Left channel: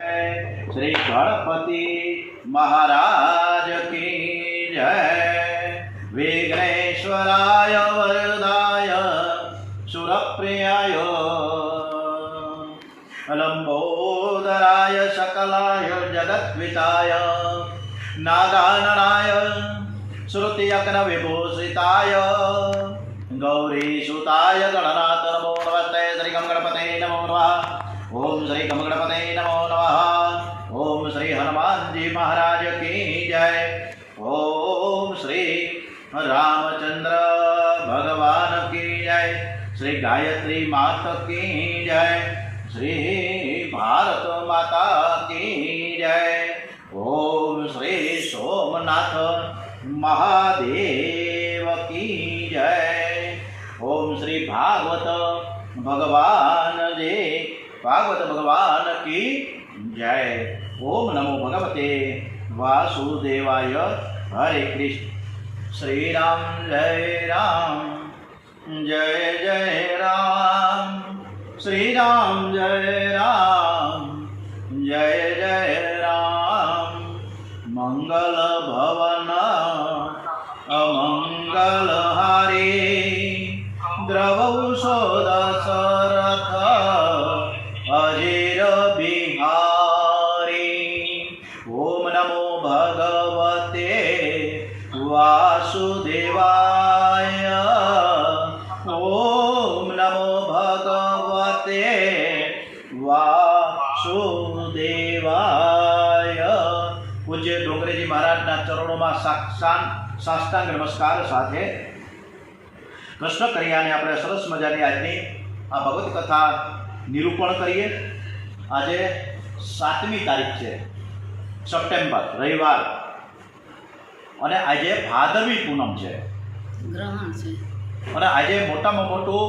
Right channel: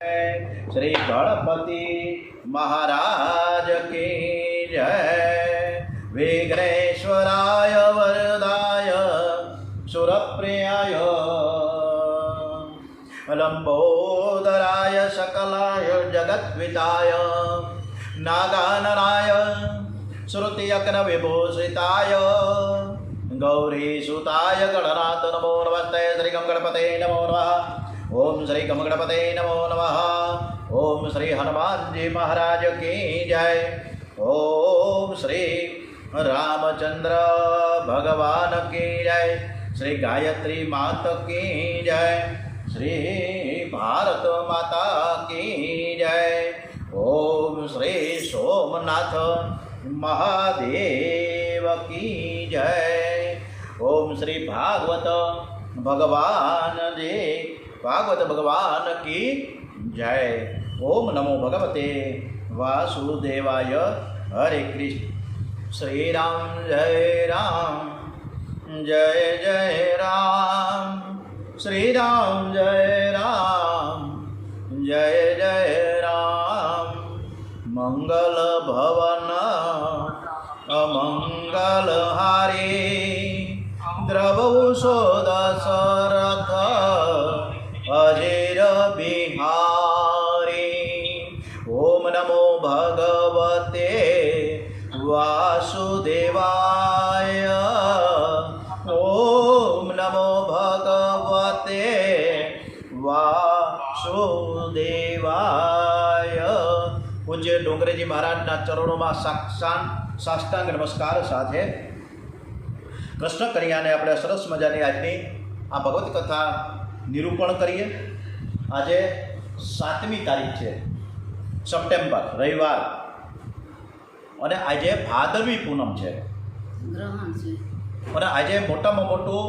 श्री गणपति महाराज की जय। विघ्नेश्वराय वरदाय सुरप्रियाय लंबोदराय सकलाय जगद्विताय नागाननाय श्रुतियज्ञ विभूषिताय गौरीसुताय गणनाथ नमो नमस्ते। श्री गणपते नमो नमः। ओम श्री गणपते नमो नमः। ओम श्री हनुमान जी महाराज की जय। ओम श्री रामचंद्र भगवान की जय। श्री गायत्री माता की जय। श्री भारत माता की जय। ओम श्री सोमनाथ महादेव की जय। ओम श्री भागवत भगवान की जय। ओम नमो भगवते वासुदेवाय। हरे कृष्ण। श्री राम जय राम जय जय राम। श्री राम जय राम जय जय राम। मंगल भवन अमंगल हारी द्रवौषो दशरथ अजीर बिहारी। ओम नमो भगवते वासुदेवाय। ओम नमो भगवते वासुदेवाय। पूज्य डोंगरेजी महाराजना चरणों में साष्टांग नमस्कार साथे कृष्ण कन्याने આપણે સરસ મજાની આજની આ ભગવત કથા નિરૂપણ કરીએ। આજે 7મી તારીખ છે સપ્ટેમ્બર, રવિવાર, અને આજે ભાદરવી પૂનમ છે, ગ્રહણ છે, અને આજે મોટામાં મોટું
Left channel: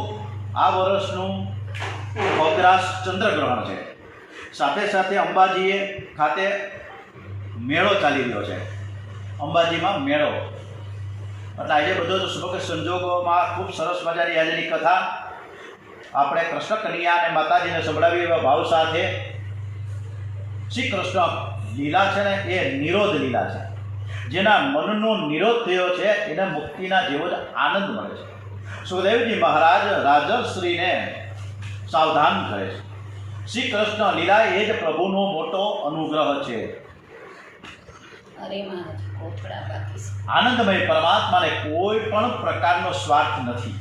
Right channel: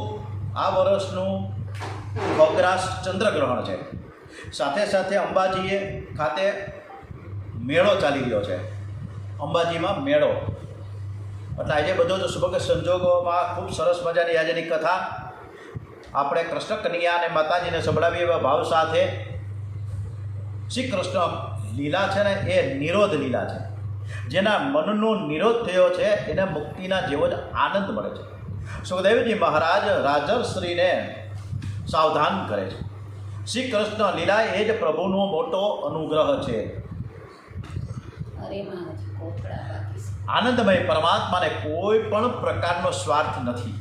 આ વર્ષનું ખગ્રાસ ચંદ્રગ્રહણ છે। સાથે સાથે અંબાજીએ ખાતે મેળો ચાલી રહ્યો છે। અંબાજીમાં મેળો એટલે આજે બધો જ શુભ સંજોગોમાં ખૂબ સરસ મજાની આજની કથા આપણે કૃષ્ણ કન્યા અને માતાજીને સંભળાવી એવા ભાવ સાથે શ્રી કૃષ્ણ લીલા છે ને એ નિરોધ લીલા છે। જેના મનનો નિરોધ થયો છે એને મુક્તિના જેવો જ આનંદ મળે છે। સુખદેવજી મહારાજ રાજર્ષિને સાવધાન કરે છે। શ્રી કૃષ્ણ લીલા એ જ પ્રભુનો મોટો અનુગ્રહ છે। અરે મહારાજ કોપડા બાકી આનંદમય પરમાત્માને કોઈ પણ પ્રકારનો સ્વાર્થ નથી।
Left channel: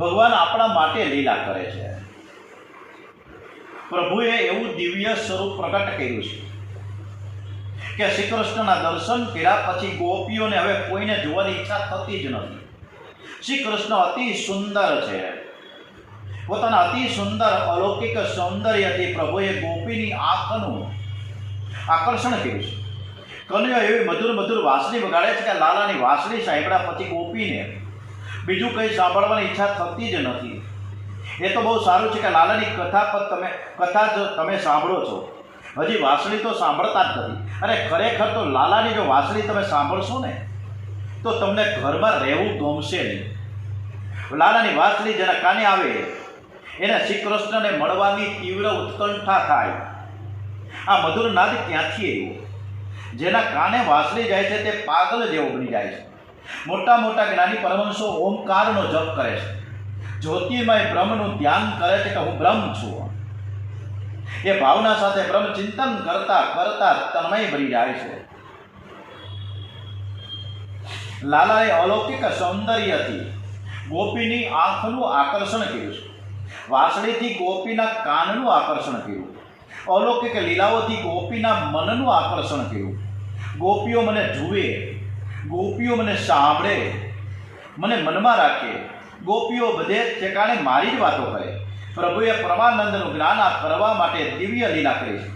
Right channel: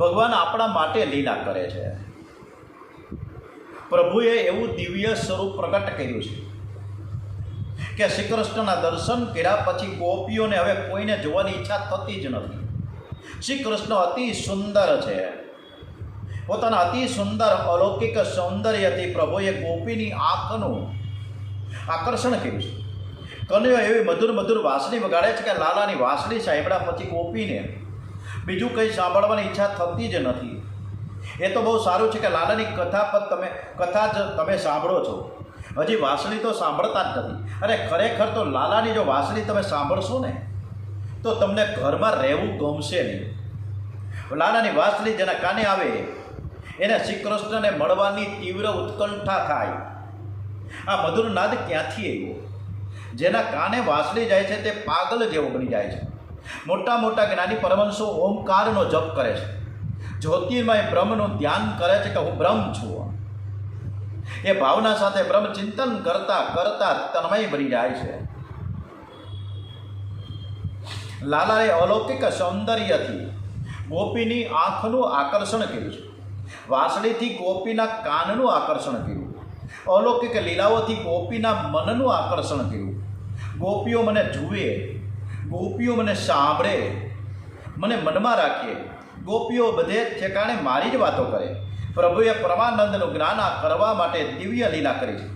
ભગવાન આપણા માટે લીલા કરે છે। પ્રભુએ એવું દિવ્ય સ્વરૂપ પ્રગટ કર્યું છે કે શ્રી કૃષ્ણના દર્શન કર્યા પછી ગોપીઓને હવે કોઈને જોવાની ઈચ્છા થતી જ નથી। શ્રી કૃષ્ણ અતિ સુંદર છે। પોતાના અતિ સુંદર અલૌકિક સૌંદર્યથી પ્રભુએ ગોપીની આંખનું આકર્ષણ કર્યું છે। કન્યા એવી મધુર મધુર વાંસળી વગાડે છે કે લાલાની વાંસળી સાંભળ્યા પછી ગોપીને બીજું કંઈ સાંભળવાની ઈચ્છા થતી જ નથી। એ તો બહુ સારું છે કે લાલાની કથા જ તમે સાંભળો છો, હજી વાંસળી તો સાંભળતા જ નથી। અને ખરેખર તો લાલાની જો વાંસળી તમે સાંભળશો ને તો તમને ઘરમાં રહેવું ગમશે નહીં। લાલાની વાંસળી જેના કાને આવે એને શ્રી કૃષ્ણને મળવાની તીવ્ર ઉત્કંઠા થાય। આ મધુર નાદ ક્યાંથી આવ્યો? જેના કાને વાંસળી જાય છે તે પાગલ જેવો બની જાય છે। મોટા મોટા જ્ઞાની પરમહંસો ઓમકારનો જપ કરે છે, જ્યોતિર્મય બ્રહ્મનું ધ્યાન કરે છે કે હું બ્રહ્મ છું। એ ભાવના સાથે બ્રહ્મ ચિંતન કરતા કરતા તન્મય બની જાય છે। લાલાએ અલૌકિક સૌંદર્યથી ગોપીની આંખનું આકર્ષણ કર્યું છે, વાંસળીથી ગોપીના કાનનું આકર્ષણ કર્યું, અલૌકિક લીલાઓથી ગોપીના મનનું આકર્ષણ કર્યું। ગોપીઓ મને જુએ, ગોપીઓ મને સાંભળે, મને મનમાં રાખે, ગોપીઓ બધે ઠેકાણે મારી જ વાતો કરે। પ્રભુએ પરમાનંદનું જ્ઞાન કરવા માટે દિવ્ય લીલા કરી છે।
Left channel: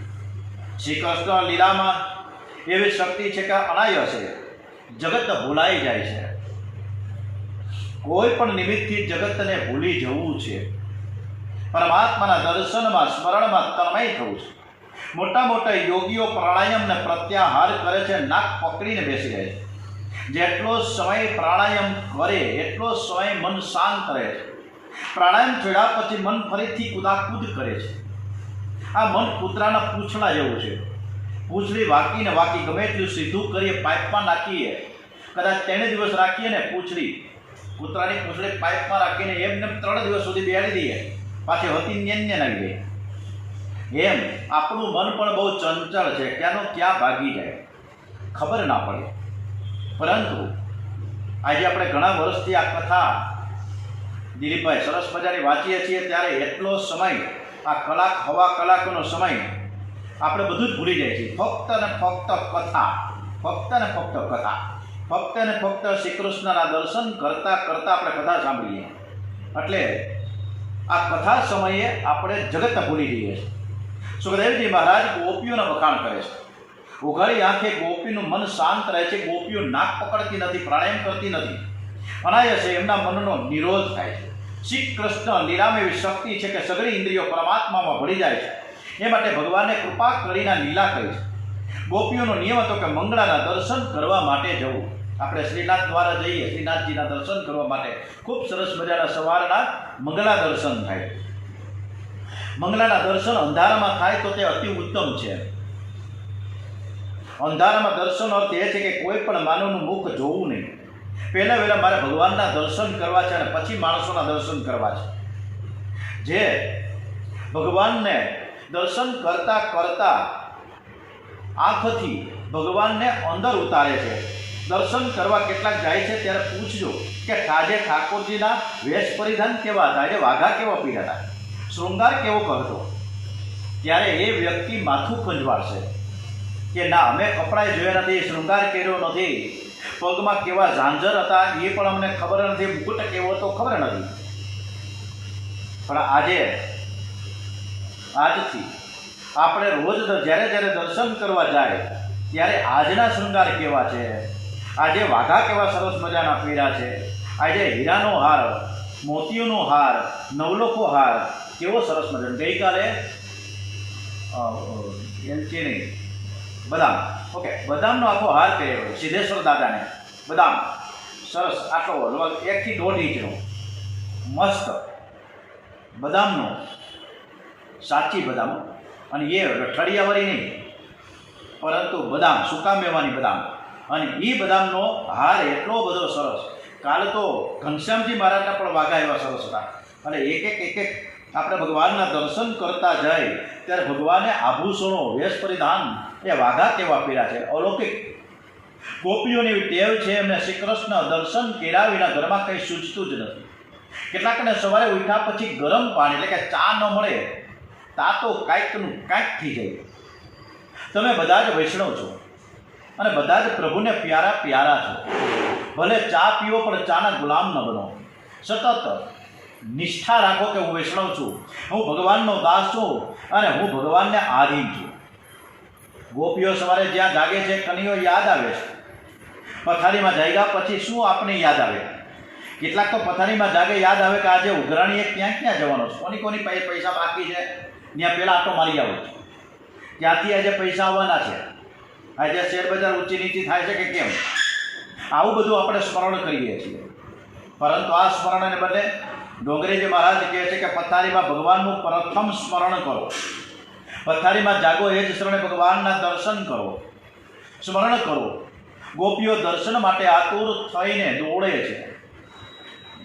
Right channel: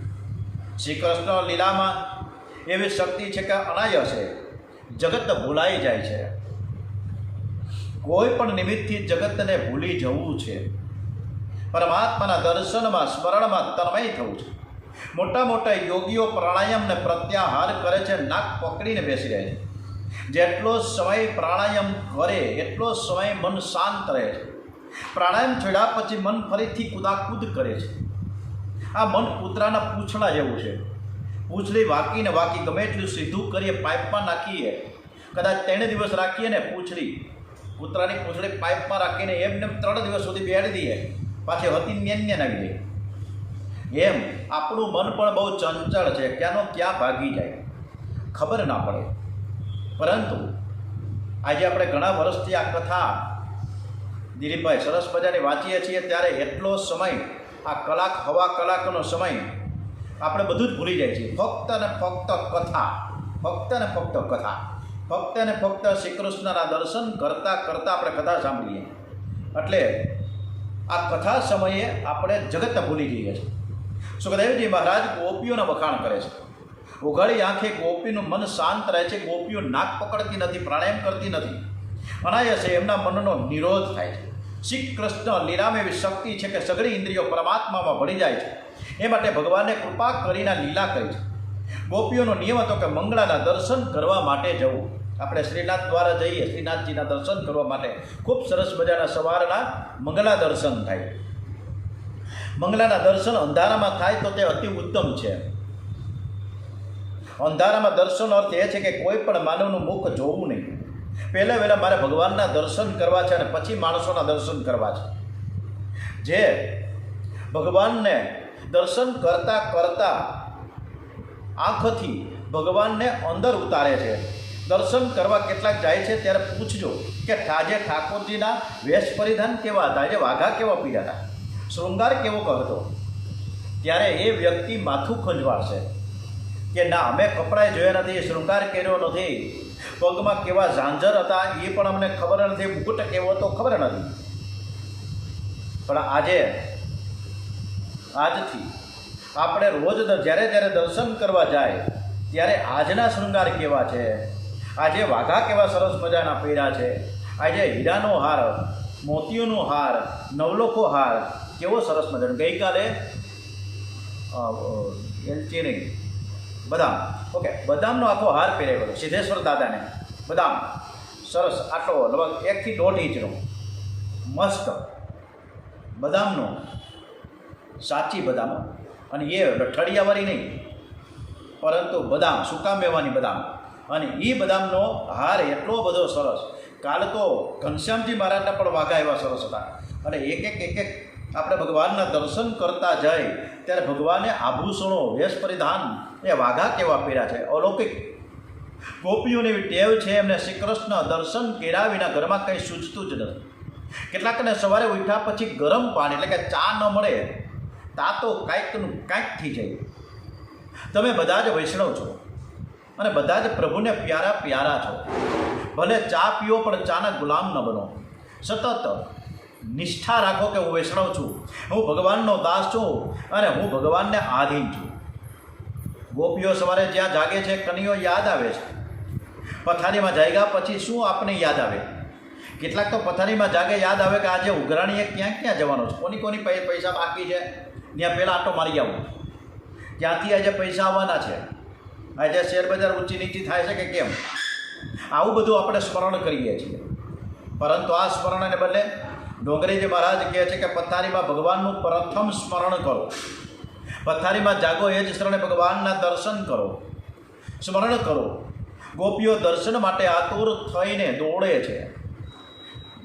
શ્રી કૃષ્ણ લીલામાં એવી શક્તિ છે કે અનાયસે જગત ભૂલાઈ જાય છે। કોઈ પણ નિમિત્તથી જગતને ભૂલી જવું છે, પરમાત્માના દર્શનમાં સ્મરણમાં તન્મય થવું છે। મોટા મોટા યોગીઓ પ્રાણાયામને પ્રત્યાહાર કરે છે, નાક પકડીને બેસી રહે છે। જેટલો સમય પ્રાણાયામ કરે એટલો સમય મન શાંત રહે છે। પ્રાણાયામ છોડ્યા પછી મન ફરીથી કુદાકૂદ કરે છે। આ મન કૂતરાના પૂંછડા જેવું છે. પૂંછડી વાંકીને વાંકી ગમે એટલું સીધું કરીએ, પાઇપમાં નાખીએ, કદાચ 3 દિવસ રાખીએ ને પૂંછડી, કૂતરાની પૂંછડી પાઇપમાં રાખીને એમને 3 દિવસ સુધી બેહાડી દઈએ, પાછી હતી ન્યાન્ય નાખી દઈએ. એમ આપણું મન પણ બહુ ચંચળ છે, ક્યાંનો ક્યાં ભાગી જાય ખબર ના પડે. પરંતુ આજે આપણે ઘણા વર્ષથી આ કથા દિલીપભાઈ સરસ મજાની વાંચીએ છીએ, ત્યારે એટલો સમય, આ કલાક હવા કલાકનો સમય આપણે બધું જ ભૂલી જાય છીએ. ફક્ત ને ફક્ત કથા, ફક્ત ને ફક્ત કથા, ફક્ત ને ફક્ત શ્રી કૃષ્ણના દર્શન કરતાં કરતાં આપણે કથા સાંભળીએ. એટલે આ કથા સમયે આપણે જગત ભૂલી જઈએ છીએ. સુખદેવજી મહારાજ ગોપીઓના વખાણ કરે છે. ઉઘાડી આંખે ગોપીનું મન શાંત રહે છે. ગોપીઓ નાક પકડતી નથી, પ્રાણાયામ કરતી નથી, અનાયસે એમના મનનો નિરોધ થાય છે. શ્રી કૃષ્ણ લીલામાં એવી શક્તિ છે કે સગળી ઇન્દ્રિયો પરમાત્મામાં ભળી જાય છે. એ માટે ભગવાને કૃપા કરીને લીલા કરી છે. ગોપીઓનો નિયમ હતો કે મંગળાના દર્શન કરવા માટે જવું. આપણે શ્રીનાથ દ્વારા જઈએ, શ્રીનાથજીના દર્શન કરવા માટે ખૂબ સરસ મજાના સવારના મંગળા દર્શન થાય. મંગળાના દર્શન અંધારામાં થાય તો તે અતિ ઉત્તમ છે. અંધારામાં દર્શન અર્થ એ છે કે કોઈ પણ માનવનું મુખ જોવું નહીં. પહેલાં મારે ભગવાનના દર્શન કરવા છે અને પછી માણસોના દર્શન કરવા છે. જે ભગવાનને દર્શન કરતાં કરતાં આંખથી ભગવાનને અંદર ઉતારે છે. દર્શન કરવા કેટલાક જાય છે ત્યારે પૂછજો કે આજે ઠાકોરજીના વેશ પરિધાન કેવા હતા, આજે વાઘા કેવા પીડા હતા, શૃંગાર કેવો હતો, ત્યારે એ વ્યક્તિ માથું ખંજવાળશે કે ના, અમે કપડાં જોયા નથી, શૃંગાર કર્યો નથી, પગમાં કેવા ઝાંઝર હતા એ પણ અમને ખબર નથી, મુકુટ કેવો હતો ખબર નથી. પણ આજથી આપણે રોજ જ્યારે દર્શન કરવા જાય ત્યારે આજના શૃંગાર કેવા છે, આજે વાઘા કેવા સરસ મજાના પહેર્યા છે, આજે હીરાનો હાર, મોતીઓનો હાર, નવલખો હાર કેવો સરસ મજાનો. ગઈકાલે એલચીની બદામ, ઓકે, બદામનો આખો હાર પહેરેલો સિદ્ધેશ્વર દાદાને, બદામ સરસ આટલો લગભગ 1 થી 1.5 ઇંચનો મસ્ત બદામનો, સાચી બદામ, અને એ ઠળિયાવાળી નહીં, પરંતુ બદામ, સૂકા મેવાની બદામ, અને એ બદામનો હાર એટલો બધો સરસ. કાલે તો ઘનશ્યામજી મહારાજના પણ વાઘા એવા સરસ હતા. અને એક એક આપણે ભગવાનના દર્શન કરતા જાય ત્યારે ભગવાને આભૂષણો, વેશ પરિધાન એ વાઘા કેવા પહેર્યા છે, અલૌકિક. ગોપીઓની એવી ટેવ છે, એમને શ્રી કૃષ્ણ દર્શન કર્યા વિના ઘરમાં કંઈ સૂચતું જ નથી. કેટલાકને સવારે ઉઠ્યા પછી ગરમ પાણી એટલે કે ચા ન મળે તા તો કાંઈકનું કાંઈક થઈ જાય. તમે બધા જ વૈષ્ણવ છો અને બધા જ પ્રભુને પ્યારા છો. ભલે ચા પીઓ પણ ચાના ગુલામ ન બનો. સતત નિષ્ઠા રાખો કે હું વૈષ્ણવ છું, હું ભગવાનનો દાસ છું અને હું ભગવાનને આધીન છું. ગોપીઓ સવારે જ્યાં જાગે છે કનૈયો યાદ આવે છે. પથારીમાં જાગ્યા પછી શું આપને યાદ આવે? કેટલાક તો પથારીમાં જાગે યાદ આવે કે આજે ઉઘરાણીએ ક્યાં જવાનો છે, કોની પૈસા બાકી છે, ત્યાં પહેલાં આટો મારી આવો, ત્યાંથી આજે પૈસા આવવાના છે, આજે શેર બજાર ઊંચી નીચી થાય છે કે કેમ, આવું બધું આપણે સ્મરણ કરીએ છીએ. પરંતુ આ સ્મરણને બદલે ડોંગરેજી મહારાજ કહે છે કે પથારીમાં ભગવાનનું પ્રથમ સ્મરણ કરો. પથારીમાં જાગો એ જ શરણે ભગવાનના દર્શન કરો, સ્મરણ કરો. ગોપીઓ દર્શન માટે આતુર થઈને દોડે છે.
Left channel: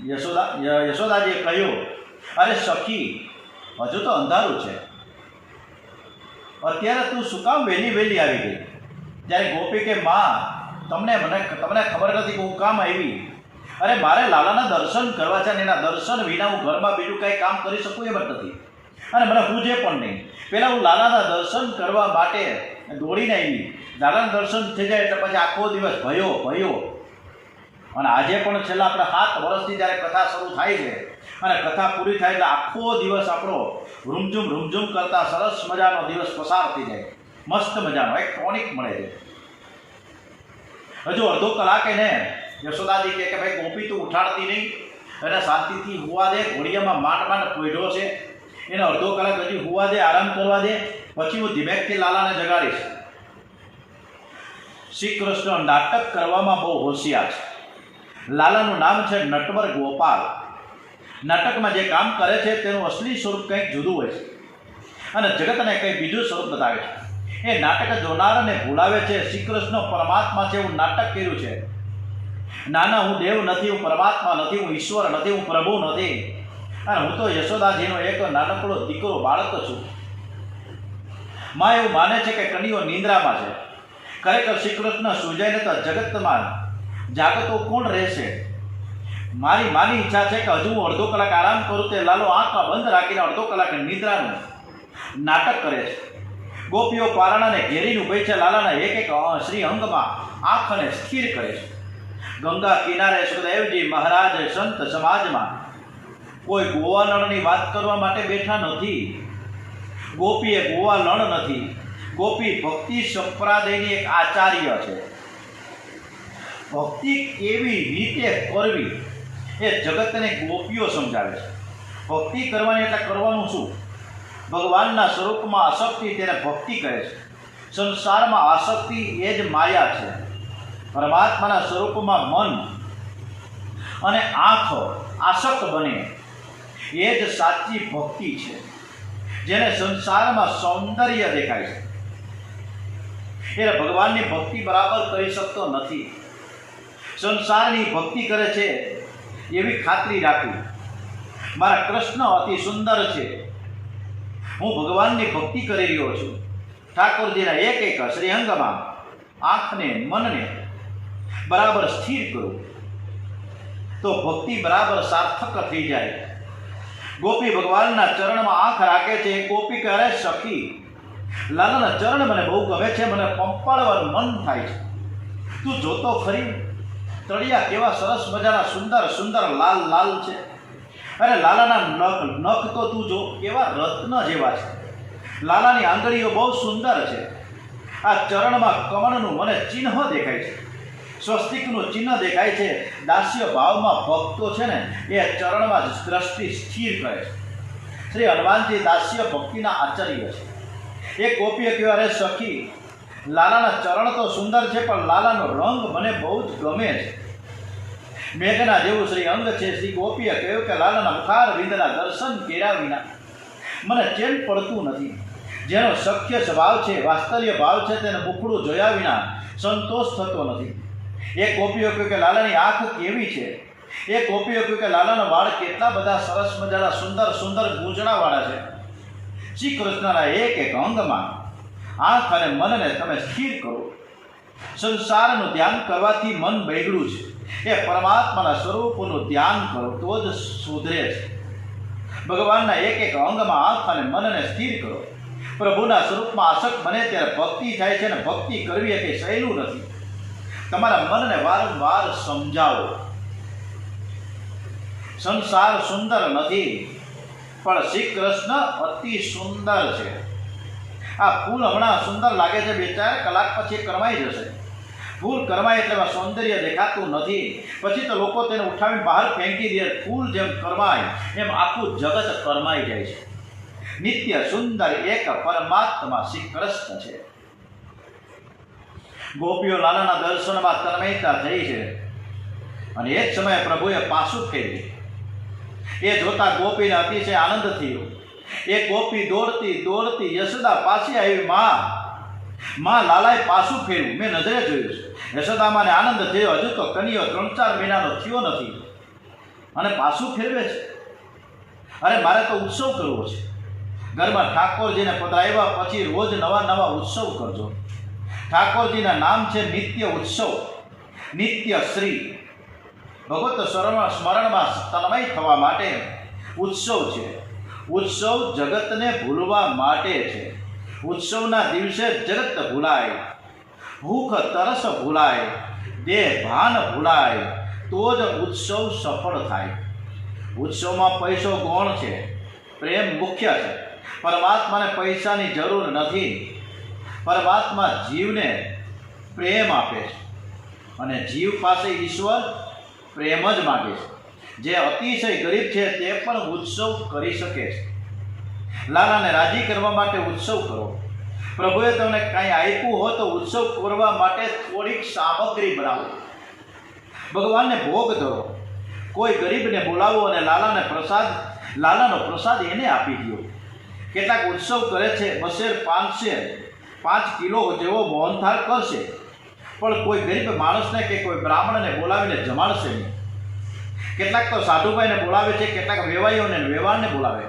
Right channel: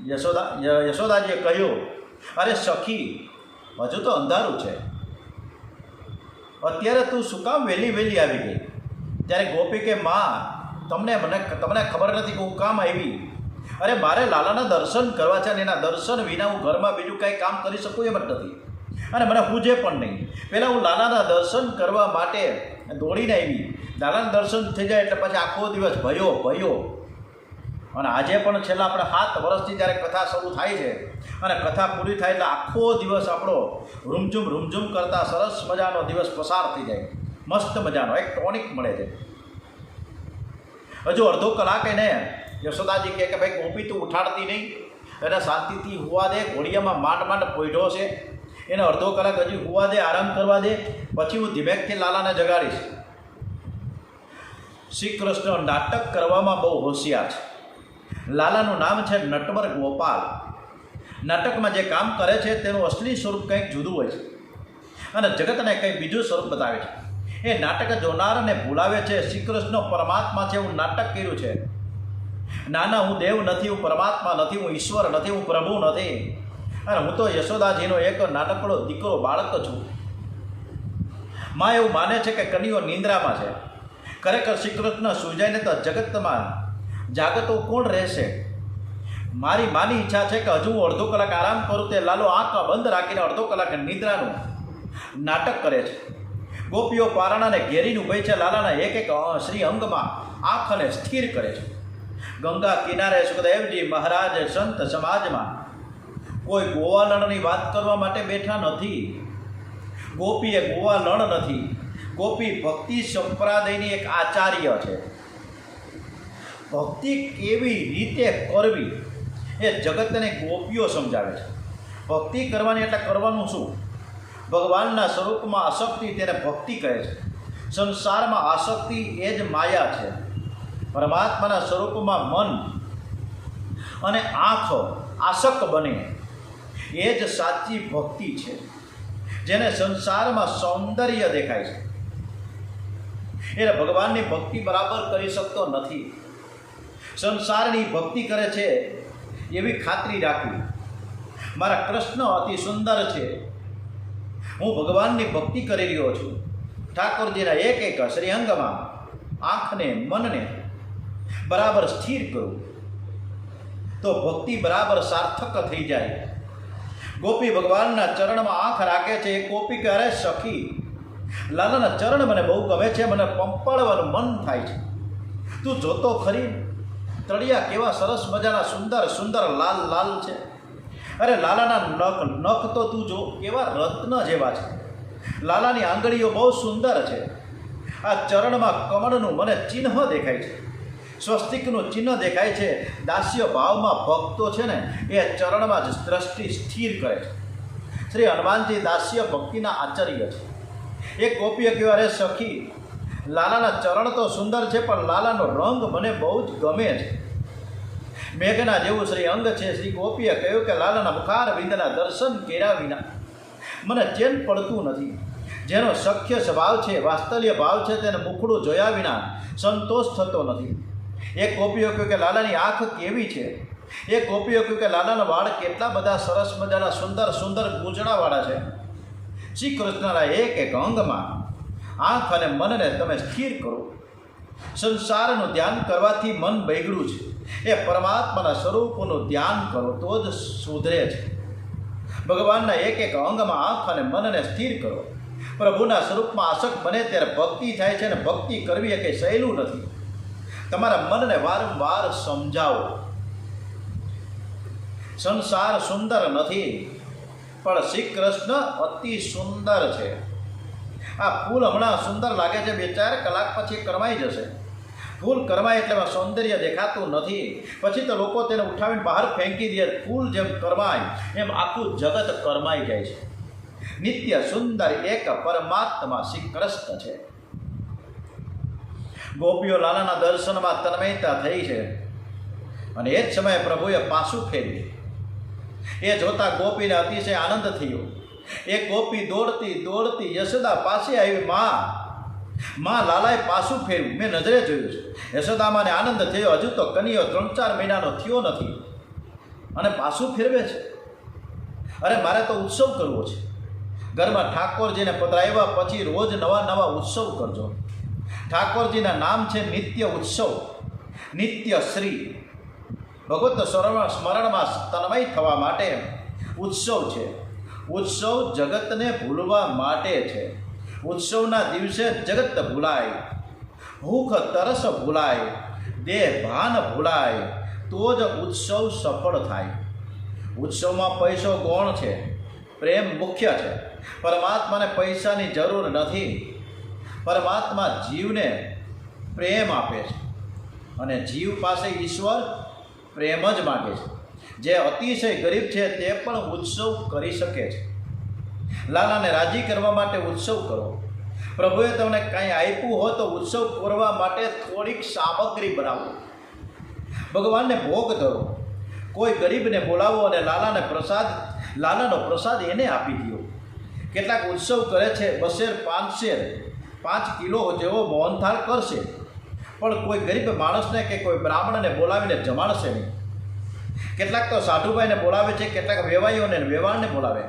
યશોદાજીએ કહ્યું, અરે સખી, હજુ તો અંધારું છે, અત્યારે તું શું કામ વહેલી આવી ગઈ? ત્યારે ગોપી કે માં, તમને ખબર નથી કે હું કામ આવી? અરે મારે લાલાના દર્શન કરવા છે અને એના દર્શન વિના હું ઘરમાં બીજું કાંઈ કામ કરી શકું એમ જ નથી, અને મને પૂજે પણ નહીં. પહેલાં હું લાલાના દર્શન કરવા માટે દોડીને આવી. લાલાના દર્શન થઈ જાય એટલે પછી આખો દિવસ ભયો. અને આજે પણ છેલ્લા આપણે 7 વર્ષથી જ્યારે કથા શરૂ થાય છે અને કથા પૂરી થાય એટલે આખો દિવસ આપણો રૂમઝુમ કરતા સરસ મજાનો દિવસ પસાર થઈ જાય. મસ્ત મજાનો એક ટોનિક મળે છે. હજુ અડધો કલાક એને યશોદાજી કહે કે ભાઈ ગોપી તું ઉઠાડતી નહીં, એને શાંતિથી હુવા દે, ઘોડિયામાં માંડ પોઈઢો છે, એને અડધો કલાક હજી હુવા દે, આરામ કરવા દે, પછી હું ધીમેકથી લાલાને જગાડીશ. શ્રી કૃષ્ણ નાટક કરવામાં બહુ હોશિયાર છે. લાલાનું નામ છે નટવર ગોપાલ. નાટકમાં જે કામ કરે છે તેનું અસલી સ્વરૂપ કંઈક જુદું હોય છે. અને જગતને કંઈ બીજું સ્વરૂપ બતાવે છે. એ નાટક જોનારને ભૂલાવે છે શ્રી કૃષ્ણ પરમાત્મા છે એવું નાટક કર્યું છે. નાના હું દેવ નથી, હું પરમાત્મા નથી, હું ઈશ્વર નથી, હું પ્રભુ નથી, અને હું તો યશોદાજીનો એક નાનકડો દીકરો બાળક છું. માં એવું માને છે કે કનૈયો નિંદ્રામાં છે. ખરેખર શ્રી કૃષ્ણ સૂજાઈને તો જગતમાં જાગતો કોણ રહેશે? મારી માની ઈચ્છા છે કે હજુ હું અડધો કલાક આરામ કરું. તે લાલો આંખ બંધ રાખીને અડધો કલાક નિંદ્રાનું નાટક કરે છે. ગોપીઓ પારણાને ઘેરીને ઊભી છે. લાલાના એક એક શ્રી અંગમાં આંખને સ્થિર કરે છે. ગંગા કિનારે સુખદેવજી મહારાજ સંત સમાજમાં કોઈ ગોવાલણની વાત કરવા માટે બેઠા નથી. ગોપી એ ગોવાલણ નથી. ગોપી ભક્તિ સંપ્રદાયની એક આચાર્ય છે. ભક્તિ કેવી રીતે કરવી એ જગતને ગોપીઓ સમજાવે છે. ભક્તિ કરવાની એટલે કરવાનું શું? ભગવાનના સ્વરૂપમાં આસક્તિ તેને ભક્તિ કહે છે. સંસારમાં આસક્તિ એ જ માયા છે. પરમાત્માના સ્વરૂપમાં મન અને આંખ આસક્ત બને એ જ સાચી ભક્તિ છે. જેને સંસારમાં સૌંદર્ય દેખાય છે એ ભગવાનની ભક્તિ બરાબર કરી શકતો નથી. સંસારની ભક્તિ કરે છે એવી ખાતરી રાખવી. મારા કૃષ્ણ અતિ સુંદર છે, હું ભગવાનની ભક્તિ કરી રહ્યો છું. ઠાકોરજીના એક એક શ્રીઅંગમાં આંખને મનને બરાબર સ્થિર કરું તો ભક્તિ બરાબર સાર્થક થઈ જાય. ગોપી ભગવાનના ચરણમાં આંખ રાખે છે. ગોપી કહે સખી લાલાના ચરણ મને બહુ ગમે છે, મને પંપાળવાનું મન થાય છે. તું જોતો ખરી તળિયા કેવા સરસ મજાના સુંદર સુંદર લાલ લાલ છે. અરે લાલાના નખ તો તું જો કેવા રત્ન જેવા છે. લાલાની આંગળીઓ બહુ સુંદર છે. આ ચરણમાં કમળનું મને ચિહ્ન દેખાય છે, સ્વસ્તિકનું ચિહ્ન દેખાય છે. દાસ્ય ભાવમાં ભક્તો છે ને એ ચરણમાં જ દ્રષ્ટિ સ્થિર કરે છે. શ્રી હનુમાનજી દાસ્ય ભક્તિના આચાર્ય છે. એક ગોપીએ કહ્યું અરે સખી લાલાના ચરણ તો સુંદર છે પણ લાલાનો રંગ મને બહુ જ ગમે છે. મેઘના જેવું શ્રી અંગ છે. શ્રી ગોપીએ કહ્યું કે લાલાના મુખાર વિંદના દર્શન કર્યા વિના મને ચેન પડતું નથી. જેનો સખ્ય સ્વભાવ છે, વાત્સલ્ય ભાવ છે, તેને મુખડું જોયા વિના સંતોષ થતો નથી. એક ગોપીઓ કહ્યું કે લાલાની આંખ કેવી છે. એક ગોપીઓ કહ્યું કે લાલાના વાળ કેટલા બધા સરસ મજાના સુંદર સુંદર ગૂંચણાવાળા છે. શ્રી કૃષ્ણના એક એક અંગમાં આંખ અને મનને તમે સ્થિર કરો. સંસારનું ધ્યાન કરવાથી મન બગડ્યું છે. એ પરમાત્માના સ્વરૂપનું ધ્યાન કરો તો જ સુધરે છે. ભગવાનના એક એક અંગમાં આંખ અને મનને સ્થિર કરો. પ્રભુના સ્વરૂપમાં આસક્ત બને ત્યારે ભક્તિ થાય છે. અને ભક્તિ કરવી એ કંઈ સહેલું નથી. તમારા મનને વારંવાર સમજાવો સંસાર સુંદર નથી પણ શ્રી કૃષ્ણ અતિ સુંદર છે. આ ફૂલ હમણાં સુંદર લાગે છે, 2-4 કલાક પછી કરમાઈ જશે. ફૂલ કરમાય એટલે એમાં સૌંદર્ય દેખાતું નથી. પછી તો લોકો તેને ઉઠાવીને બહાર ફેંકી દે. ફૂલ જેમ કરમાય એમ આખું જગત કરમાઈ જાય છે. નિત્ય સુંદર એક પરમાત્મા શ્રી કૃષ્ણ છે. ગોપીઓ લાલાના દર્શનમાં તન્મયતા થઈ છે. અને એ જ સમયે પ્રભુએ પાછું ફેર્યું. એ જોતા ગોપીને અતિશય આનંદ થયો. એ ગોપી દોડતી દોડતી યશોદા પાસે આવી. માં લાલાએ પાછું ફેર્યું. મેં નજરે જોયું છે. યશોદામાને આનંદ થયો. હજુ તો કનૈયો 3-4 મહિનાનો થયો નથી અને પાછું ફેરવે છે. અરે મારે તો ઉત્સવ કરવો છે. ઘરમાં ઠાકોરજીને પધરાવ્યા પછી રોજ નવા નવા ઉત્સવ કરજો. ઠાકોરજીના નામ છે નિત્ય ઉત્સવ, નિત્ય શ્રી. ભગવત સ્મરણમાં તન્મય થવા માટે ઉત્સવ છે. ઉત્સવ જગતને ભૂલવા માટે છે. ઉત્સવના દિવસે જગત ભૂલાય, ભૂખ તરસ ભૂલાય, દેહ ભાન ભૂલાય તો જ ઉત્સવ સફળ થાય. ઉત્સવમાં પૈસો ગૌણ છે, પ્રેમ મુખ્ય છે. પરમાત્માને પૈસાની જરૂર નથી. પરમાત્મા જીવને પ્રેમ આપે છે અને જીવ પાસે ઈશ્વર પ્રેમ જ માગે છે. જે અતિશય ગરીબ છે તે પણ ઉત્સવ કરી શકે છે. લાલાને રાજી કરવા માટે ઉત્સવ કરો. પ્રભુએ તમને કાંઈ આપ્યું હોય તો ઉત્સવ કરવા માટે થોડીક સામગ્રી બનાવો. ભગવાનને ભોગ ધરો. કોઈ ગરીબને બોલાવો અને લાલાનો પ્રસાદ એને આપી દો. કેટલાક ઉત્સવ કરે છે, બસેર 5 કિલો જેવો મોહનથાળ કરશે, પણ કોઈ ગરીબ માણસને કે કોઈ બ્રાહ્મણને બોલાવીને જમાડશે નહીં. કેટલાક તો સાધુભાઈને બોલાવે છે, કેટલાક વેવાઈઓને વેવાણને બોલાવે.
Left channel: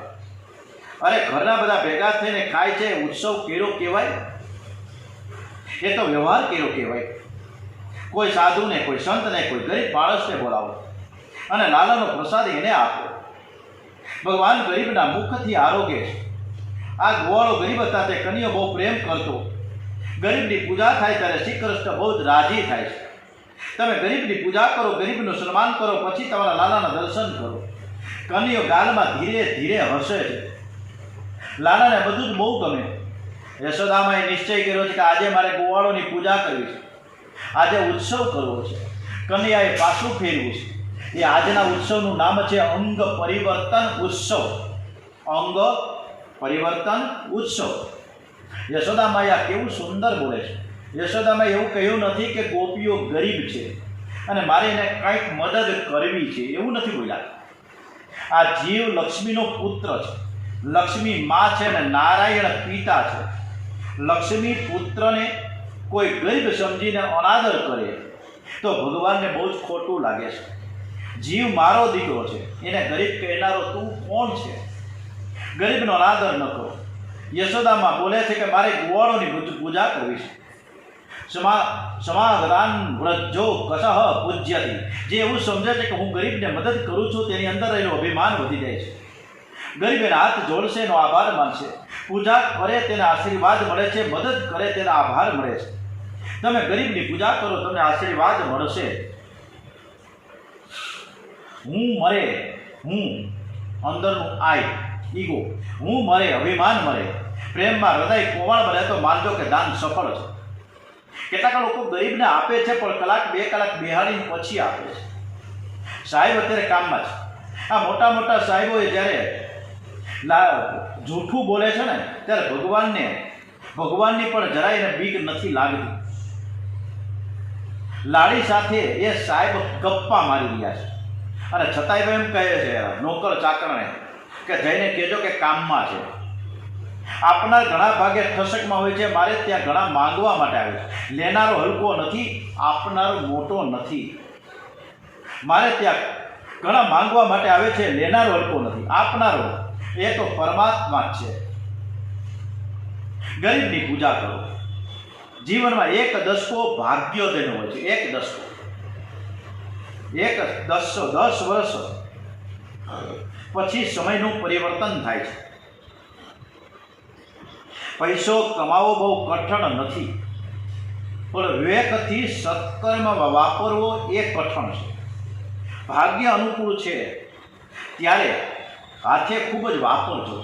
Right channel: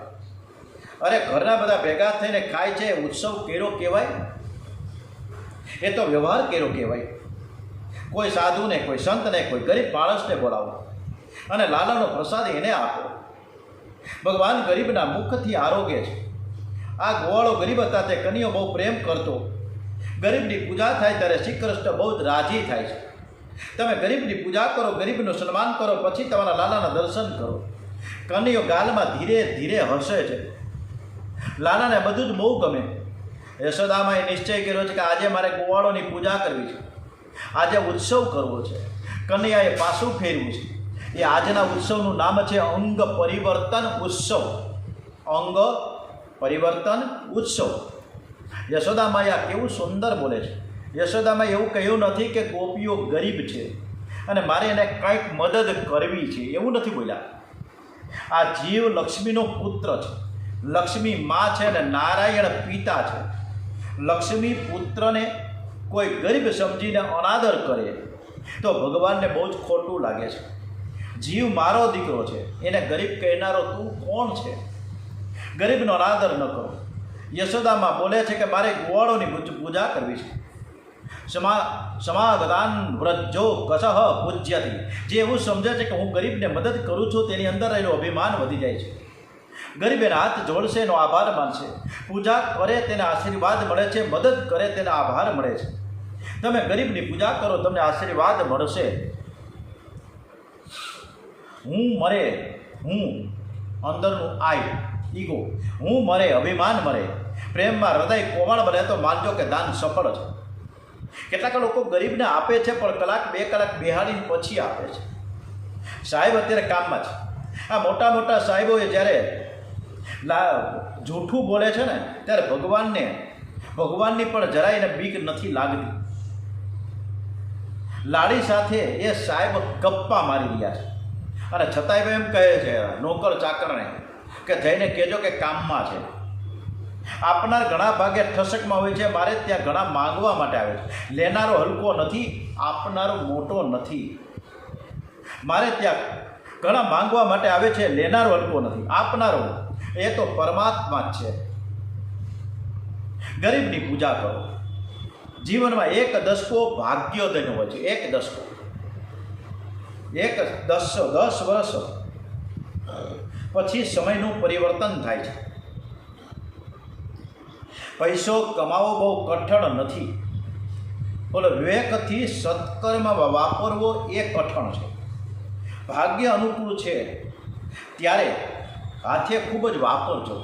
અરે ઘરના બધા ભેગા થઈને ખાય છે, ઉત્સવ કર્યો કહેવાય? એ તો વ્યવહાર કર્યો કહેવાય. કોઈ સાધુને, કોઈ સંતને, કોઈ ગરીબ માણસને બોલાવો અને લાલાનો પ્રસાદ એને આપો. ભગવાન ગરીબના મુખથી આરોગ્ય છે. આ ગોવાળો ગરીબ હતા, તે કનૈયો બહુ પ્રેમ કરતો. ગરીબની પૂજા થાય ત્યારે શ્રી કૃષ્ણ બહુ જ રાજી થાય છે. તમે ગરીબની પૂજા કરો, ગરીબનું સન્માન કરો, પછી તમારા લાલાના દર્શન કરો. કનૈયો ગાલમાં ધીરે ધીરે હસે છે. લાલાને બધું જ બહુ ગમે. યશોદામાએ નિશ્ચય કર્યો છે કે આજે મારે ગોવાળોની પૂજા કરવી છે, આજે ઉત્સવ કરવો છે. કનૈયાએ પાછું ફેરવું છે. એ આજના ઉત્સવનું નામ છે અંગ પરિવર્તન ઉત્સવ. અંગ પરિવર્તન ઉત્સવ. યશોદામાએ આ કેવું સુંદર બોલે છે. યશોદામાએ એવું કહ્યું નથી કે ગોપીઓ ગરીબ છે અને મારે એને કંઈક મદદ કરવી છે, એવું નથી બોલ્યા. આ જીવ લક્ષ્મીનો પુત્ર છે. લક્ષ્મી મા છે અને નારાયણ પિતા છે. લક્ષ્મી પુત્રને કોઈ ગરીબ સમજીને અનાદર કરે તો ભગવાનને બહુ જ ખોટું લાગે છે. જીવ મારો દીકરો છે, એને ગરીબ કહેનારો તું કોણ છે? ગરીબનો અનાદર ન કરો. યશોદામાં બોલે છે કે મારે ગોવાળોની પૂજા કરવી છે. સમાગદાન વ્રજો કસહ પૂજ્યતી. જે એવું સમજે છે કે હું ગરીબને મદદ કરું છું, તેની અંદર એનું અભિમાન વધી જાય છે. ગરીબ એના હાથ જોડશે, એનો આભાર માનશે. પૂજા કરે તેને આશીર્વાદ મળે છે, મદદ કરે તેને આભાર મળે છે. તમે ગરીબની પૂજા કરો, તમને આશીર્વાદ મળશે. હું મરે, હું અંદરનું આઈ ઈગો, હું મરે, અભિમાન મરે, પ્રેમમાં હૃદય કોમળ બને તો માનજો કે દાન સફળ છે. કેટલાક લોકો ગરીબને આપે છે, પણ કલાક 2 કલાક બેહાડીને પછી આપે છે. સાહેબ અત્યારે કામમાં છે. આ મોટા મોટા સાહેબોએ જ્યારે જૂઠું બોલે છે ને, ત્યારે ભગવાનની પણ જરાય એને બીક નથી લાગતી. લાડી સાથે એ સાહેબ ગપ્પા મારી રહ્યા છે અને છતાંય એમ કહે છે નોકર ચાકરને કે જઈને કહેજો કે કામમાં છે. આપનાર ઘણા ભાગે ઠસકમાં હોય છે, મારે ત્યાં ઘણા માંગવા માટે આવે છે. લેનારો હલકો નથી, આપનારો મોટો નથી. મારે ત્યાં ઘણા માંગવા માટે આવે છે, લેનારો હલકો નથી, આપનારો એ તો પરમાત્મા જ છે. ગરીબની પૂજા કરો. જીવનમાં 1 દશકો ભાગ્યોદયનો હોય છે. 1 દશકો, 10 વર્ષ પછી સમયનું પરિવર્તન થાય છે. પૈસો કમાવો બહુ કઠણ નથી, પણ વિવેકથી સત્કર્મમાં વાપરવો એ કઠણ છે. ભાગ્ય અનુકૂળ છે ત્યારે હાથે ખૂબ જ વાપરજો.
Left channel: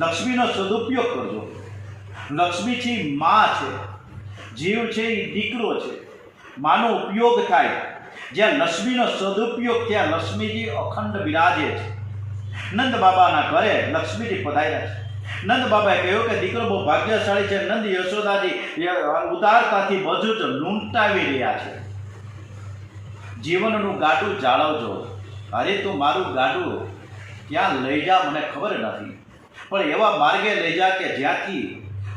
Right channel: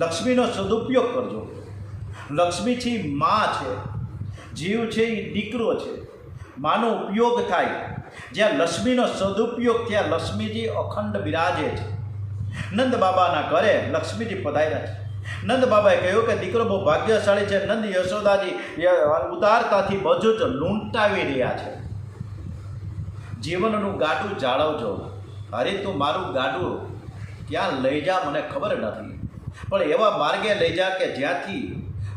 લક્ષ્મીનો સદુપયોગ કરજો. લક્ષ્મી છે મા છે, જીવ છે એ દીકરો છે. માનો ઉપયોગ થાય. જ્યાં લક્ષ્મીનો સદુપયોગ ત્યાં લક્ષ્મીજી અખંડ બિરાજે છે. નંદ બાબાના ઘરે લક્ષ્મીજી પધાર્યા છે. નંદ બાબાએ કહ્યું કે દીકરો બહુ ભાગ્યશાળી છે. નંદ યશોદાજી ઉદારતાથી બધું જ લૂંટાવી રહ્યા છે. જીવનનું ગાડું જાળવજો. અરે તું મારું ગાડું ક્યાં લઈ જા મને ખબર નથી, પણ એવા માર્ગે લઈ જા કે જ્યાંથી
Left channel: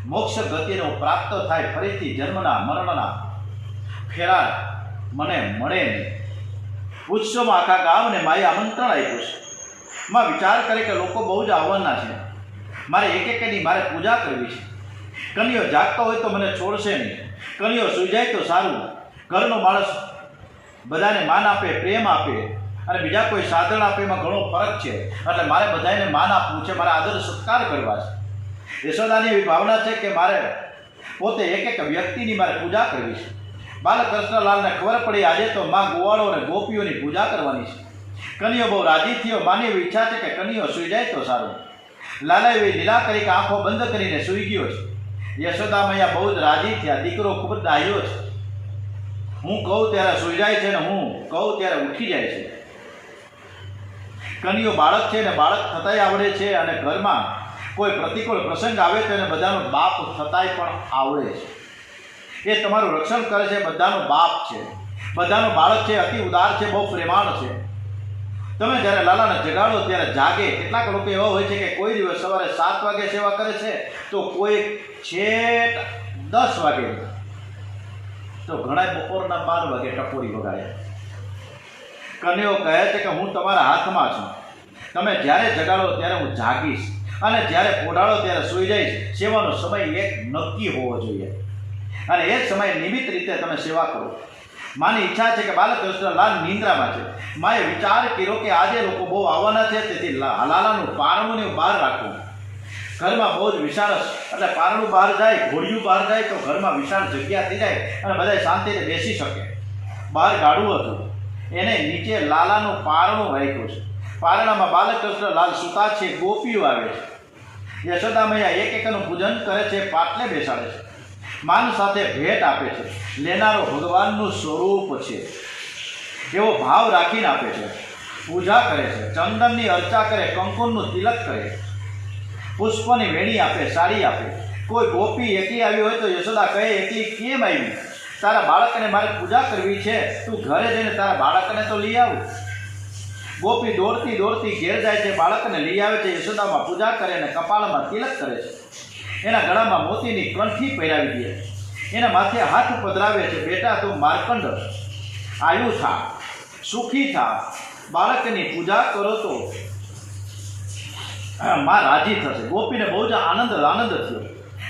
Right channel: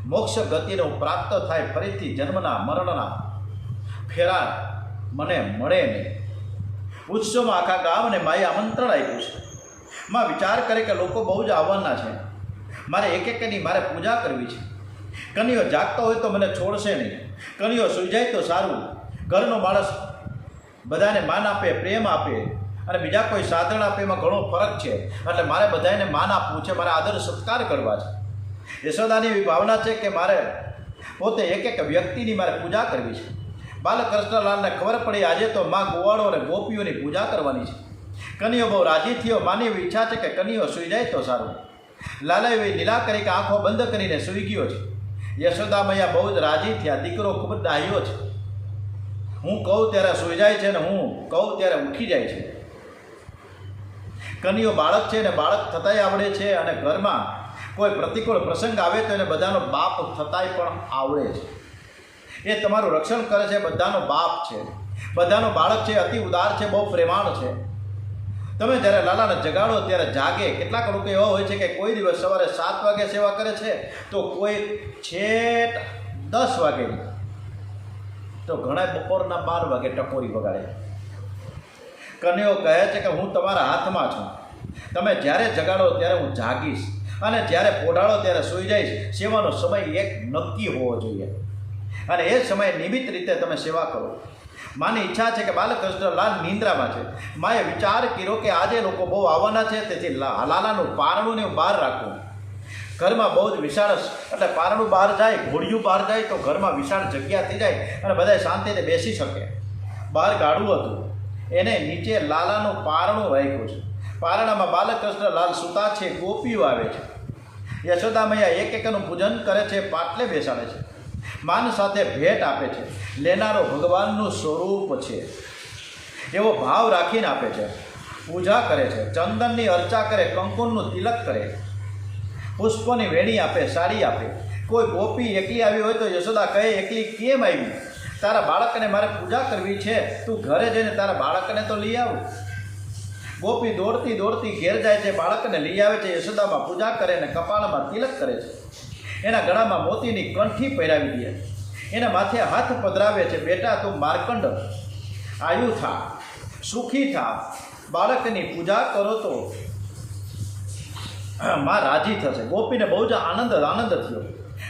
મોક્ષ ગતિને પ્રાપ્ત થાય, ફરીથી જન્મના મરણના ફેરા મને મળે નહીં. ઉત્સવમાં આખા ગામને માએ આમંત્રણ આપ્યું છે. માં વિચાર કરે કે લોકો બહુ જ આવવાના છે, મારે એક મારે પૂજા કરવી છે. કનૈયો જાગતો હોય તો મને છોડશે નહીં. કનૈયો સૂઈ જાય તો સારું. ઘરનો માણસ બધાને માન આપે, પ્રેમ આપે અને બીજા કોઈ સાધન આપે, એમાં ઘણો ફરક છે. એટલે મારે બધાને માન આપવું છે, મારે આદર સત્કાર કરવા છે. યશોદાની એવી ભાવના છે કે મારે પોતે એક વ્યક્તિની મારે પૂજા કરવી છે. બાલકૃષ્ણલાલને ખબર પડી આજે તો માં ગોવાળો અને ગોપીઓની પૂજા કરવાની છે. કનૈયો બહુ રાજી થયો. માની એવી ઈચ્છા છે કે કનૈયો સૂઈ જાય તો સારું. લાલા એવી લીલા કરી કે આંખો બંધ કરીને સૂઈ ગયો છે. યશોદા મૈયા બહુ જ રાજી થયા. દીકરો ખૂબ જ ડાહ્યો છે. હું કહું ત્યારે સૂઈ જાય છે ને હું કહું ત્યારે ઉઠી જાય છે. કનૈયો બાળક છે ને બાળક થતાંય આવડે છે, અને ઘરમાં કોઈ પ્રતિકૂળ પ્રસંગ આવે તો એને બધાનો બાપ થતાંય પણ આવડે છે. એ તમારું રક્ષણ કરે છે, બધાનો બાપ છે, બધાનો બાળક છે, અતિ ઉદાર છે, બહુ પ્રેમાળ છે. તમે જ્યારે લાલાને જગાડો ત્યારે જાગે. કેટલાક લોકો એવા હોય છે કે કોઈ દિવસ સવારે 7 વાગે સેવા કરે છે, તો કોઈ છેક 10 વાગે, તો ઘણા બપોરના 12 વાગે ટપોરી વગાડે. કન્યાઓ કહે છે કે હું તમારા હાથમાં છું, તમે જ્યારે જગાડો ત્યારે હું જાગીશ, અને જ્યારે પોઢાડો ત્યારે સૂઈ જઈશ. સેવાનો સમય એક નક્કી હોવો જોઈએ, અને એ સમય નિમિત્ત રીતે તમે સેવા કરો. માની ઈચ્છા છે કે બાલકૃષ્ણ લાલ નિંદ્રામાં છે. માએ વિચાર કર્યો કે આજે લોકો બહુ આવવાના છે, તેથી લાલાનું પારણું ને બહાર રાખવું. ઘરમાં બહુ જ વિશાળ, એટલે પારણું બહાર જાય, ઘોડિયું બહાર જાય તો ઘરમાં વિશાળ જગ્યા થઈ જાય અને બધા શાંતિથી બેસી શકે. બહાર ગાડું હતું, એને નીચે લાલાનું પારણું રાખ્યું છે. પારણામાં બાલકૃષ્ણ લાલ સૂતા છે, ગોપીઓ આવે છે. યશોદા મૈયા એક એકનું પૂજન કરે છે, પાટલે બેસાડે છે, માન સાથે ભેટ આપે છે. લેનારો ભગવાનનું સ્વરૂપ છે એવો ભાવ રાખીને આપે છે. પૂજા કરે છે, ચંદનની અર્ચા કરે, કંકુનનું તિલક કરે, પુષ્પની વેણી આપે, સાડી આપે. કોઈ ગોપી એકલી આવી હોય તો યશોદા કહે, એકલી કેમ આવી? તારા બાળકને મારે પૂજા કરવી છે, તું ઘરે જઈને તારા બાળકને તો લઈ આવ. ગોપી દોડતી દોડતી ઘેર જાય છે, બાળકને લઈ આવે છે. યશોદામાં પૂજા કરે અને કપાળમાં તિલક કરે છે. એના ગળામાં મોતીની કંઠી પહેરાવી દે, એના માથે હાથ પધરાવે છે. બેટા તું માર્કંડ, આયુ થા, સુખી થા, બાળકની પૂજા કરો તો માં રાજી થશે. ગોપીને બહુ જ આનંદ થયો.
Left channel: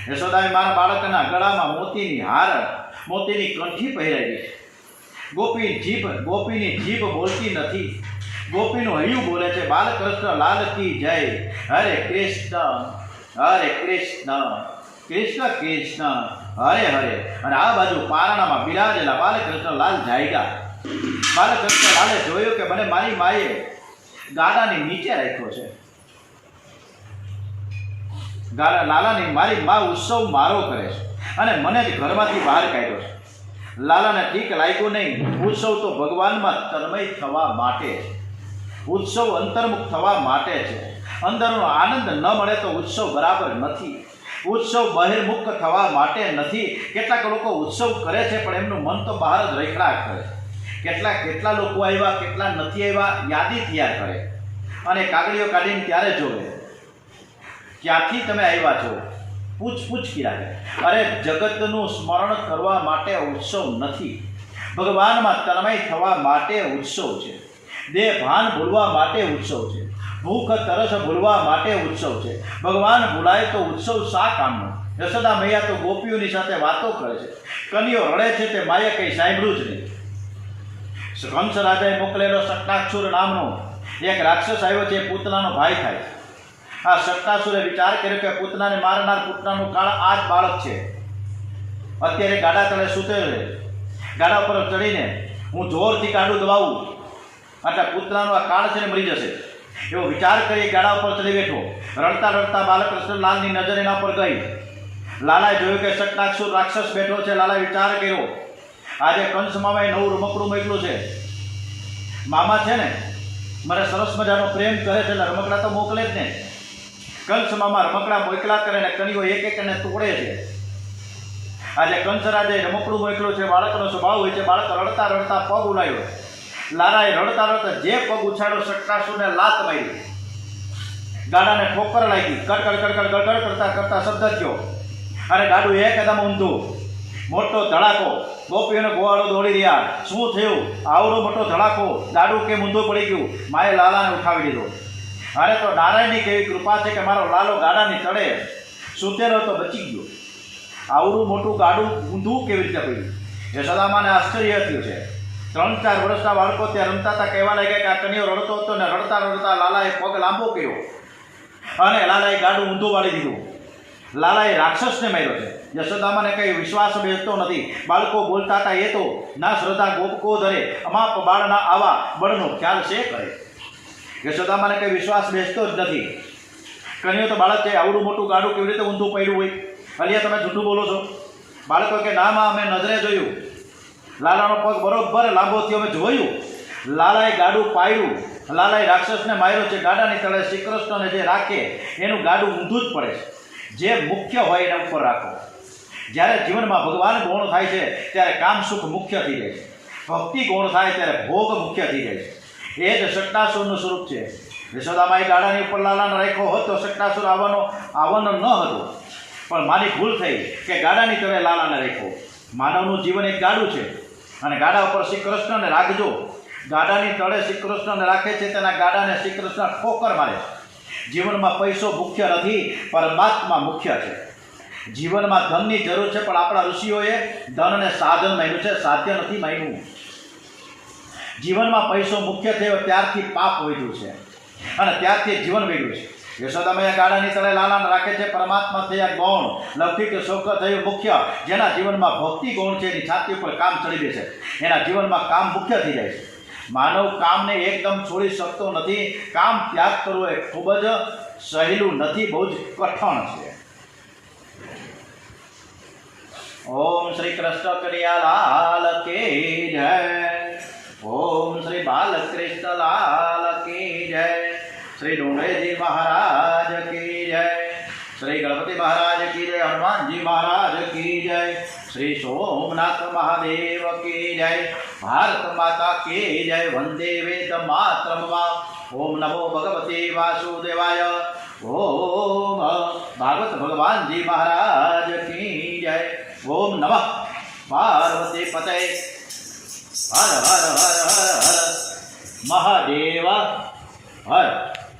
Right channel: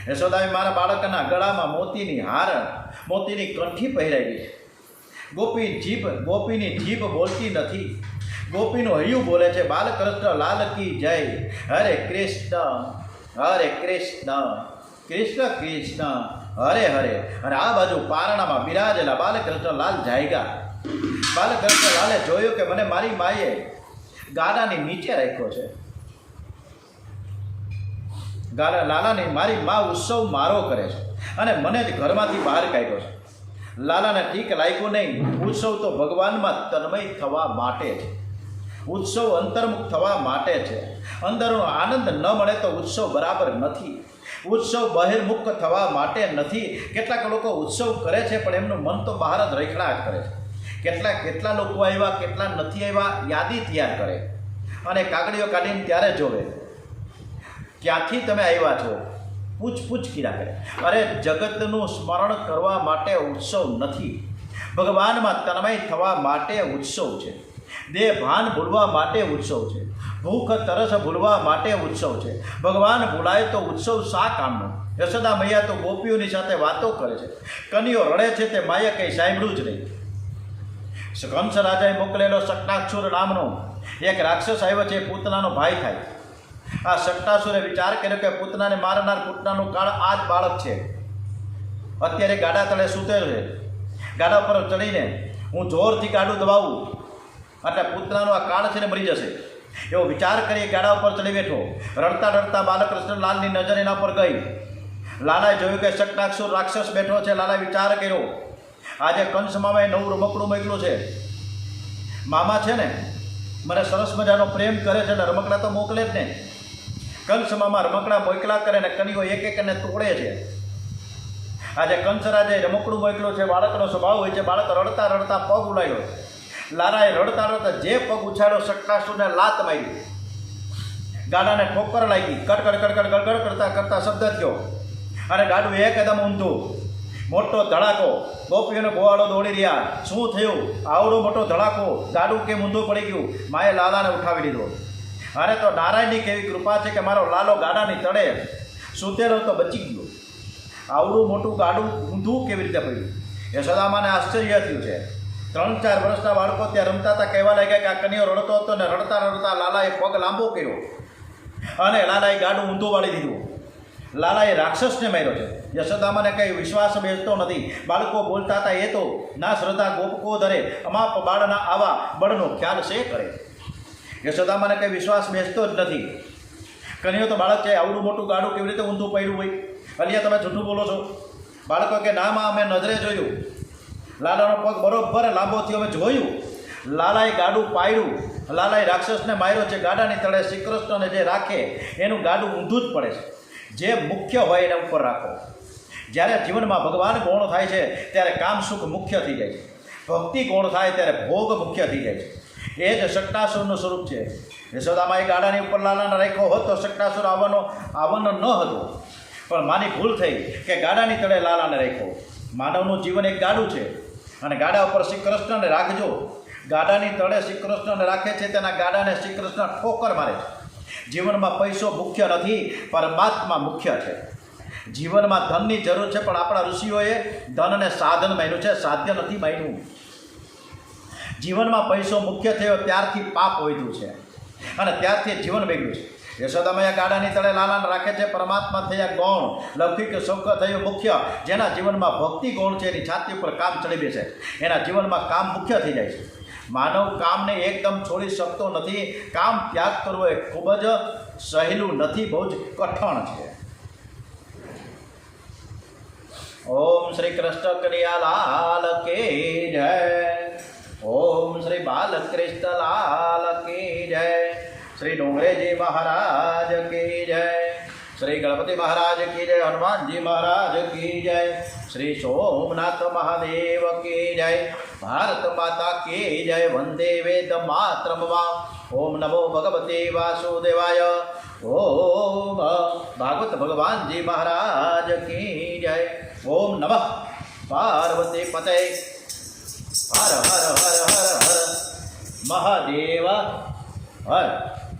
યશોદાએ મારા બાળકના ગળામાં મોતીની હાર, મોતીની કંઠી પહેરાવી. ગોપીની જીભ બોલતી નથી, ગોપીનું હૈયું બોલે છે. બાલકૃષ્ણ લાલ કી જય. હરે કૃષ્ણ હરે કૃષ્ણ, કૃષ્ણ કૃષ્ણ હરે હરે. અને આ બાજુ પારણામાં બિરાજેલા બાલકૃષ્ણ લાલ જાયગા. બાલકૃષ્ણ લાલે જોયું કે મને મારી માએ ગાડાની નીચે રાખ્યો છે. લાલાની મારી મા ઉત્સવ મારો કરે છે અને મને જ ઘરમાંથી બહાર કાઢ્યો છે. લાલાને ઠીક લાગ્યું નહીં. ઉત્સવ તો ભગવાનમાં તન્મય થવા માટે છે, ઉત્સવ અંતર્મુખ થવા માટે છે. અંદરનો આનંદ ન મળે તો ઉત્સવ બરાબર નથી. ઉત્સવ બહિર્મુખ થવા માટે નથી. કેટલાક લોકો ઉત્સવ કરે છે પણ એમનું મન તો બહાર જ રેખડા કરે છે. કેટલા લોકો આવ્યા, કેટલા નથી આવ્યા, યાદી તૈયાર કરે અને કાગળીઓ કાઢીને ત્યારે જોવે ક્યાંથી તમે આવ્યા છો, પૂછ કર્યા કરે. અરે જગતનું સ્મરણ કરવા માટે ઉત્સવ નથી, ભગવાનમાં તન્મય થવા માટે ઉત્સવ છે. દેહ ભાન ભૂલવા માટે ઉત્સવ છે, ભૂખ તરસ ભૂલવા માટે ઉત્સવ છે. ભગવાન ભૂલાય તો ઉત્સવ શા કામનો? યશોદા મૈયા તો ગોપીઓની સાથે વાતો કરે છે, કનીઓ રડે છે, તે માએ કંઈ સાંભળ્યું જ નહીં. કંસ રાજાએ મોકલેલો શકટાસુર નામનો એક રાક્ષસ આવ્યો છે, પૂતનાનો ભાઈ થાય. આ શકટાસુરે વિચાર કર્યો કે પૂતનાને મારનાર પૂતનાનું કાળ આ જ બાળક છે. અત્યારે ગાડા તળે સૂતેલો છે, ગાડા પર ચડીને હું જોરથી ગાડું દબાવું એટલે પૂતનાનો આ કાળ છે ને મરી જશે. એવો વિચાર કરી ગાડા ઉપર ચડી બેઠો. રડતા રડતા બાલકૃષ્ણ લાલની નજર એના પર ગઈ. લાલાએ જોયું કે શકટાસુર રાક્ષસ બેઠો છે. લાલાએ વિચાર કર્યો, આજે કંસ મામાએ નવું રમકડું મોકલું છે. મામા છે ને મને સરસ મજાનો પ્રેમ કરે છે ને રમકડા તો મોકલે જ ને. કંસ મામા રમકડા મોકલા કરે ને કણીઓ એક એકને તોડે છે. આજે કંસરાજે રમકડું મોકલું છે. બાળકનો સ્વભાવ હોય છે, બાળક રડતા રડતા પગ ઉલાયો. લાલાએ રડતા રડતા જે પગ ઉછાળ્યો, શકટાસુરને લાત મારી, ગાડાને ઠોકર લાગી. કડકડ કડકડ ગડગડ કરતા કરતા શબ્દ થયો અને ગાડું એકદમ ઊંધું. મોટો ધડાકો, ગોપીઓને ગોવાળો દોડી રહ્યા. શું થયું? આવડો મોટો ધડાકો, ગાડું કેમ ઊંધું પડી ગયું? માએ લાલાને ઉઠાવી લીધો. અરે તો નારાયણની કેવી કૃપા છે કે મારો લાલો ગાડાની તળે સૂતેલો તો બચી ગયો. આવડું મોટું ગાડું ઊંધું કેવી રીતે પડ્યું? યશોદામાને આશ્ચર્ય થયું છે. 3-4 વર્ષના બાળકો ત્યાં રમતા હતા, કહેવા લાગ્યા કે આ કનીઓ રડતો હતો ને રડતા રડતા લાલાએ પગ લાંબો કર્યો અને લાલાએ ગાડું ઊંધું વાળી દીધું. લાલાએ રાક્ષસને માર્યો છે. યશોદામાને કંઈ વિશ્વાસ બેસતો નથી. બાળકો બોલતા હતા, એ તો ના શ્રદ્ધા ગોપકો ધરે, અમાપ બાળના આવા બળનો ખ્યાલ છે કરે. યશોદામાને કંઈ વિશ્વાસ બેસતો જ નથી. કનીઓ તો બાળક છે, આવડું મોટું ગાડું કેવી રીતે ઊંધું પડ્યું હોય? અલિયા તમે જૂઠું બોલો છો. બાળકો કે ના માં અમે નજરે જોયું, લાલાનો પગ બરોબર લાંબો થયો, અમે જોયું. લાલાએ ગાડું પાડ્યું, લાલાએ રાક્ષસને માર્યો છે. ગાડાની તળે શ્રી કૃષ્ણને જે રાખે એનું ગાડું ઊંધું જ પડે છે. જે મુખ્ય હોય એના ઉપર રાખો. જ્યારે જીવનમાં ભગવાન ગૌણ થાય છે ત્યારે કામ સુખ મુખ્ય થઈ જાય છે. ભક્તિ ગૌણ થાય ત્યારે ભોગ મુખ્ય થઈ જાય છે. એ જ શકટાસુરનું સ્વરૂપ છે. યશોદામાએ ગાડાની ઉપર લાલાને રાખ્યો હોત તો શકટાસુર આવવાનો ન હતો, પણ મારી ભૂલ થઈ કે ગાડાની તળે લાલાને રાખ્યો. માનવનું જીવન એક ગાડું છે અને ગાડા ઉપર શ્રી કૃષ્ણને રાખજો. ગાડાની તળે શ્રી કૃષ્ણને રાખે છે, તેના ગાડાને શ્રી કૃષ્ણ ઠોકર મારે છે. જીવનમાં પૈસો મુખ્ય નથી, પરમાત્મા મુખ્ય છે. જીવનમાં ધનની જરૂર છે, પણ આપણા ઋષિઓએ ધનને સાધન માન્યું છે, સાધ્ય નથી માન્યું. જીવનમાં પૈસો મુખ્ય થયો ત્યારથી પાપ વધ્યું છે અને ત્યારથી જીવન બગડ્યું છે. યશોદામૈયા ગાડાની તળે લાલાને રાખે છે. પરમાત્મા થયા ગૌણ, લૌકિક સુખ થયું મુખ્ય. જેના જીવનમાં ભક્તિ ગૌણ છે, એની છાતી ઉપર કામ ચડી બેસે, એના જીવનમાં કામ મુખ્ય થઈ જાય છે. માનવ કામને એકદમ છોડી શકતો નથી. કામ ત્યાગ કરવો એ ખૂબ જ સહેલું નથી, બહુ જ કઠણ છે. ઓમ શ્રી કૃષ્ણ કનૈયાલાલ કી જય. ઓમ શ્રી બાલકૃષ્ણ લાલ કી જય. શ્રી ડુંગરેજી મહારાજ કી જય. શ્રી ગણપતિ મહારાજ કી જય. હનુમાનજી મહારાજ કી જય. શ્રી સોમનાથ મહાદેવ કી જય. ભારત માતા કી જય. વંદે વેદ માતરમ. ઓમ નમો ભગવતે વાસુદેવાય. ઓમ ભાગવત ભગવાનજી મહારાજ કી જય. ઓમ નમઃ પાર્વતી પતય. હર હર હર હર હર મહાદેવ હર.